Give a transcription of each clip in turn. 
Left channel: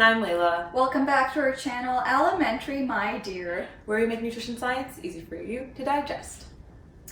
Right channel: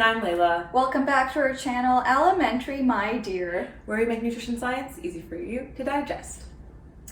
And I'm Layla. Welcome back to our channel, Elementary My Dear, where we make nutrition science easy for you to digest.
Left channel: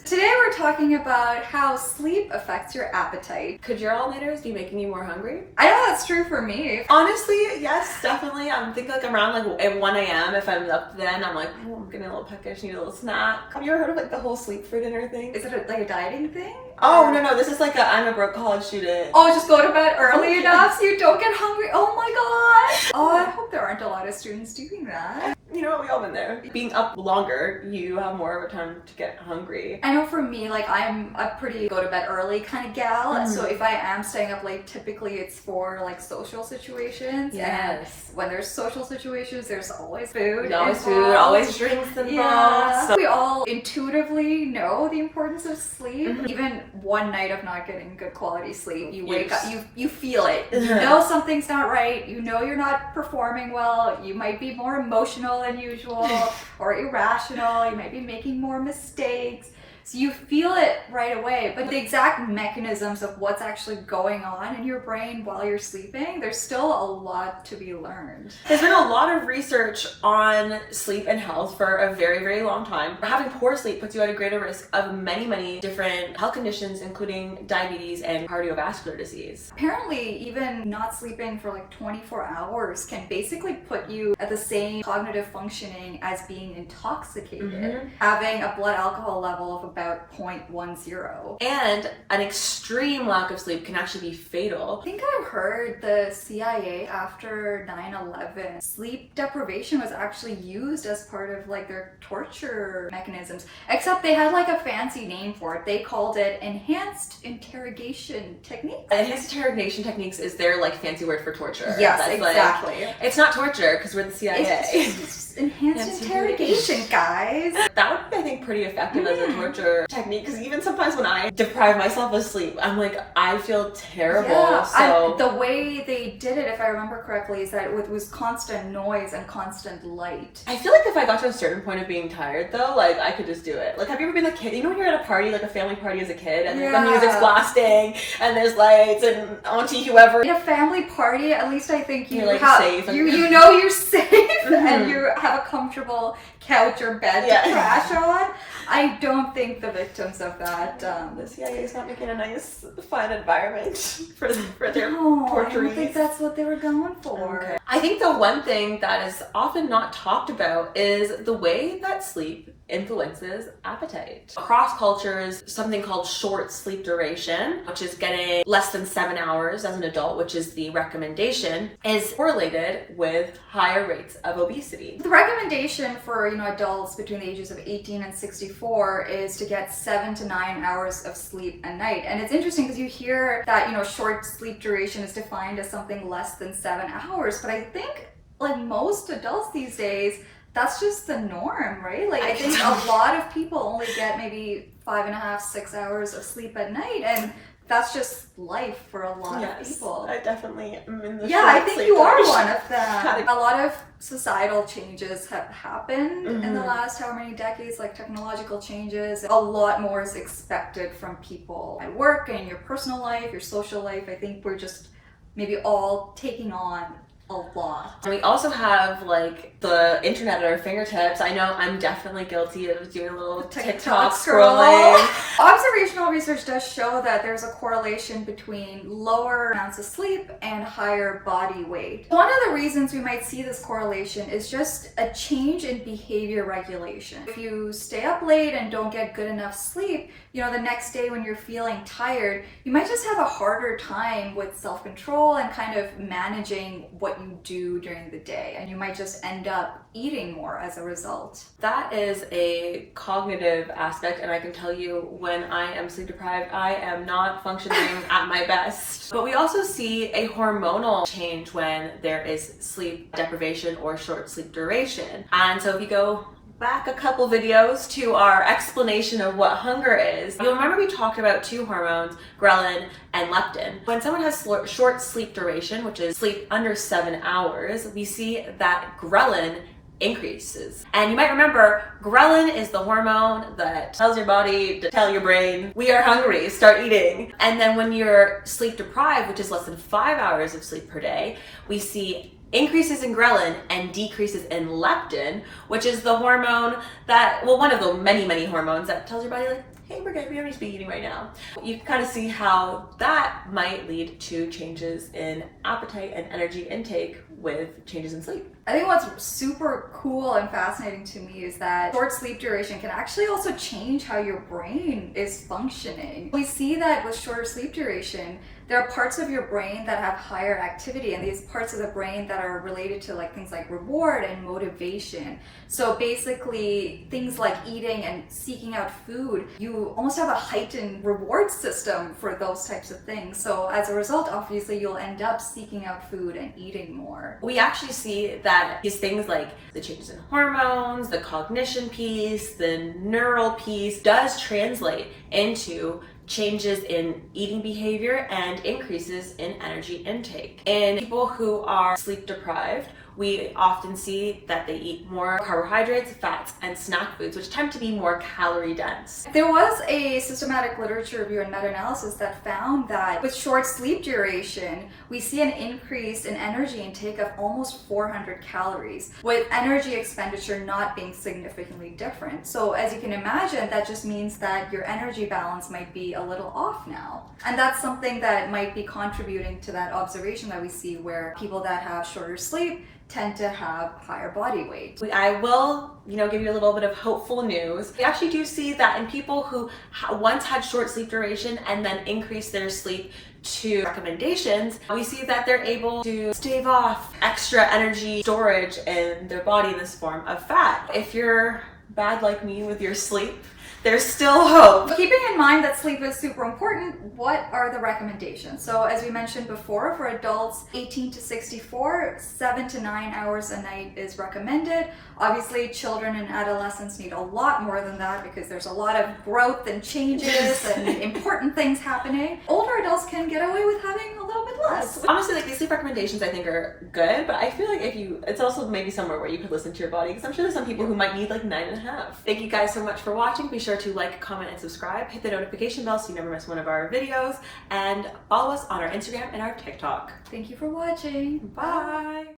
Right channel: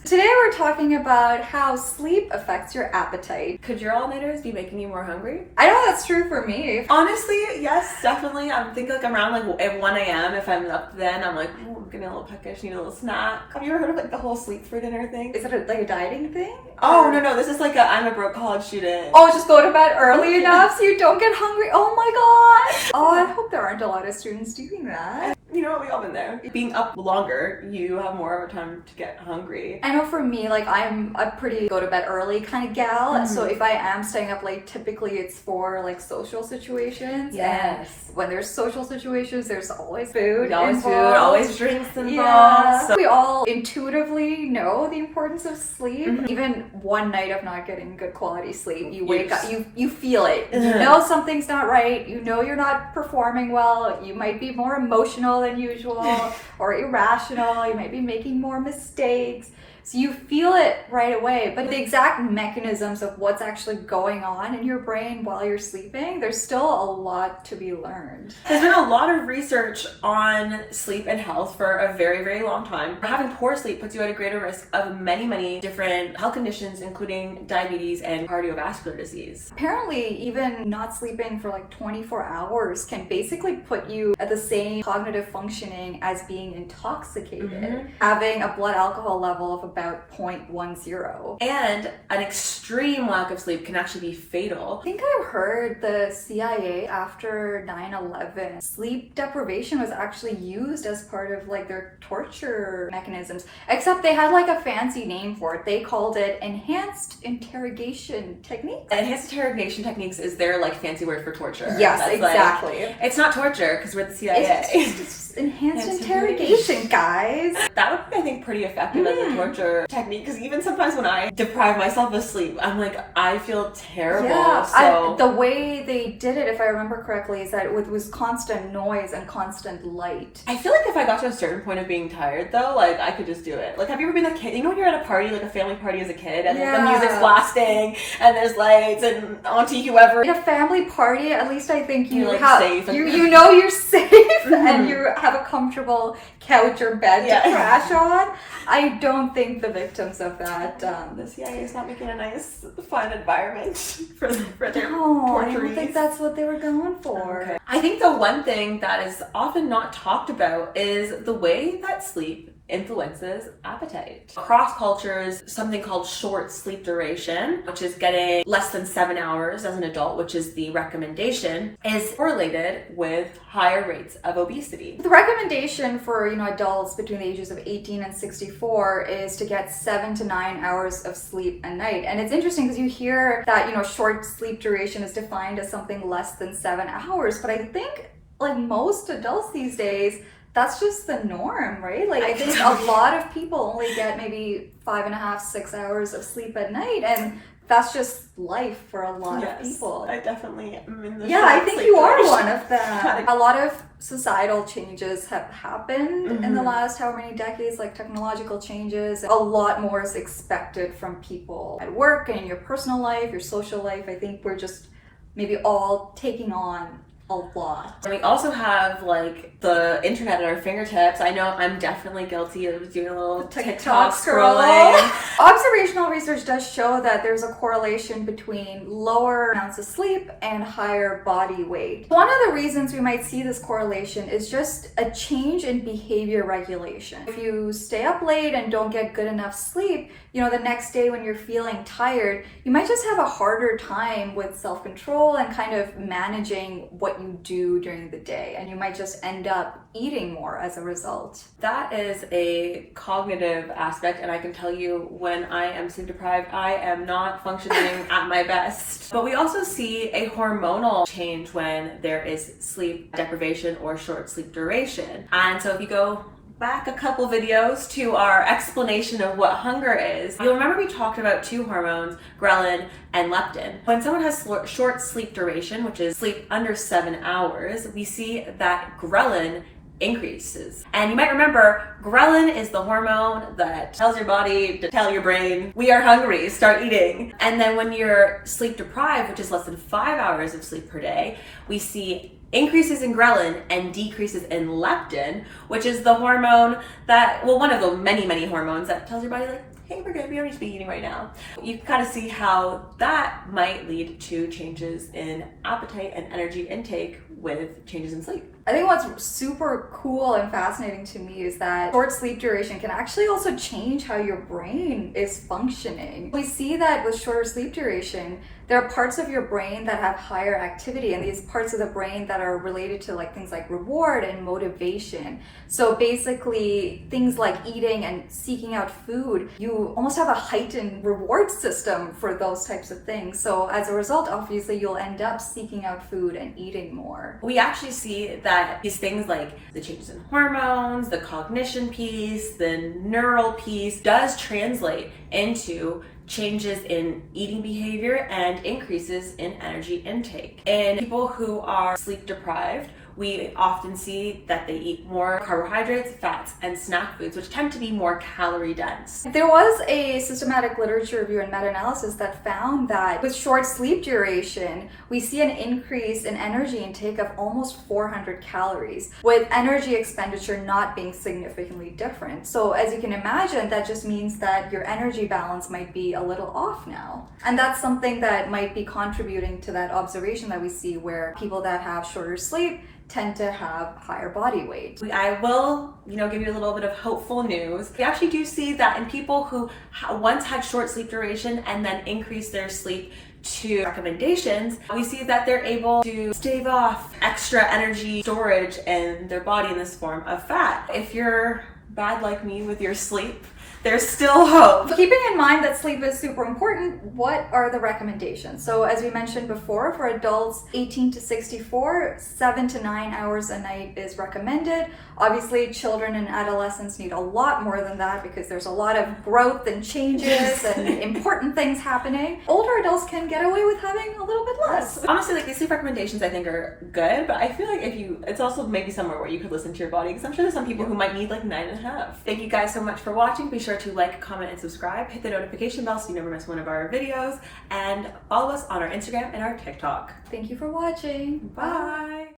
Today we're talking about how sleep affects your appetite. Could your all-nighters be making you more hungry? I know that's true for me. Honestly, yes, definitely. I'm thinking like around like at 1 a.m. if I'm up then, I'm like, oh, I'm getting a little peckish, need a little snack. Have you ever heard of like the whole sleep for dinner thing? Is it like a dieting thing? Oh, no, this is like I'm a broke college student. Oh, just go to bed early enough so you don't get hungry. Oh my gosh. Oh, I hope there aren't a lot of students doing that. You know what, we all been there. Being up longer, you have more of a time to get hungry. I know for me, like I'm a pretty go to bed early kind of gal. So if I am staying up late, typically it's for like social situations. Yes. And when there's social situations, there's always food. Always food, involved. always drinks involved. Yeah. So we all intuitively know the importance of sleep. Even one night of not getting good quality sleep, you wake up, you feel it. You know something's not right. You know you're not performing well. You might be more emotional than usual or irrational. You might be making more mistakes. So you feel it right away, but the exact mechanisms of what's actually going on in your brain while you're sleeping, there's still a lot to be learned. There's been a lot of research on sleep and health for a very, very long time. Having poor sleep puts you at a greater risk of many different health conditions, including diabetes and cardiovascular disease. Apparently, even not sleeping for like 24 hours can basically put you at the same cognitive functioning as being intoxicated. Having a blood alcohol level of about 0.10. And an extreme lack of sleep can actually be fatal. I think I've heard the CIA after 9/11, sleep deprivation was actually used as part of like their torture mechanisms, except they had like a fancy name for it. They called it enhanced interrogation techniques. Enhanced interrogation techniques is their like fancy word for torture. Yes, That's exactly. Like, it's not torture because we're the CIA. It's enhanced interrogation, guys. That would be, I think, pretty effective as a torture technique, because even sometimes when I deprive myself of sleep, I'm like, I feel terrible. Yeah, the way they did it, if I remember correctly, is that it was constant noise and constant light. I feel like if I got to a certain point of being tired though, like I could just do it. Like, have you ever been a kid? You know when you're at a party, like a family party as a kid, and the music's blasting and there's lights and auntie whoever. In a family party, at least I think you're like safe. You know you're safe and you have a comfortable couch or bed to crash on. I don't think the victims of that the CIA is not making a nice, fun environment for their torturees. I don't think that's what they were going for. Okay. I think the one thing that is often not talked about is the way that sleep influences appetite. Across cultures, something called short sleep duration, which is getting less than 7 hours as an adult, which is the recommendation, is correlated with higher rates of obesity. The recommendation for adults between the ages of 18 and 64 is to get 7 to 9 hours of sleep a night. And it's interesting because you hear that short sleep duration is defined as something less than 7 hours, but I think like most adults these days, that's just the norm, right? Like I think a lot of people only get maybe 5.5, 6 hours of sleep at night, and that's just life for a lot of people. I definitely am in the I think you are one of them. A lot of societal changes have happened in the last however many decades, like technological changes. A lot more is expected from people at work and in your personal life, your social life. I think we're just maybe all taking on a lot. And we also have like the internet at our fingertips. I know I'm definitely guilty of doing a little TikTok scrolling. Observational research does show that there's a correlation between lower amounts of sleep and higher body weight. One of the reasons we might see this correlation is just a change in behavior regulation. If you stay up late and don't get good enough sleep, the next day when you're feeling tired, you might just have a harder time with self-control and kind of managing what you do during the day, and you might just end up eating more as a result. That is a cognitive aspect, and I can tell you when I am sleep deprived, I am not functioning at my best. But we also see a hormonal change when there is sleep deprivation or short sleep duration. And so if you go back a couple videos to our explanation of what hunger is, you'll remember we talked about two hormones, ghrelin and leptin. When someone has short sleep duration, which is sleep under 7 hours, we see that ghrelin increases. And you might remember, ghrelin is the hormone that tells your body to tell your brain, we are hungry, start eating. And then when you're sleep deprived, which is less than 5 hours of sleep per day, we see increases in ghrelin and decreases in leptin, which is the hormone that, well, one of the many hormones that tells your body like, hey, we're good, we don't need to be eating right now. You can kind of see how that might lead to changes in appetite and energy intake with changes in sleep. I think what's super cool and fascinating to me is that short sleep duration can actually also change how your brain is functioning. We see that with shorter sleep duration, there are parts of your brain that have higher activity, and these parts of the brain that are related to like things like reward and motivation. So basically things like eating and seeking out food, you almost have a heightened reward system for those types of things. So as a result, obviously you'll end up seeking out food and eating more. We actually see that these things like the changes in hormones, the cognition piece, the neural piece does translate into changes in eating behavior and increases in energy intake. In people who are sleep deprived, we often see that they eat more carbohydrates, fats, and snack foods, which tend to be more calorie dense. There was a systematic literature review and meta-analysis that found that with short sleep duration, we see an increase in energy intake of almost 400 calories, with energy expenditure not being significantly different. So as you can imagine, that just means that your energy balance might be a little off now. And that's something that might be contributing to that observation that we see where people that have shorter sleep tend to have higher body weight. I will, give you a little bit of hopeful news. We actually do see that in people who once had short sleep duration and then increase their sleep to recommendations, we see that they're able to stave off extra energy storage in their body in this form of fat. If you're bad like me with your sleep, there's still hope. Keeping in mind that sleep is super important, what are the recommendations? So as we mentioned before, for adults 18 to 64, 7 to 9 hours a night is recommended. Obviously, children and adolescents need a lot more than that because there's a lot of growth and changes and important things happening. Older adults can get away with having a little bit less. Honestly, like these sleep recommendations I think are good, but I feel like it's also maybe somewhere where you could listen to your body, because I'm sure there's some people who might need like 9.5. Thank you guys so much for watching. Be sure to like, comment, and subscribe. Hit the notification bell so you never miss one of our videos, and follow us on our Instagram and our TikTok. Thank you for watching. Bye.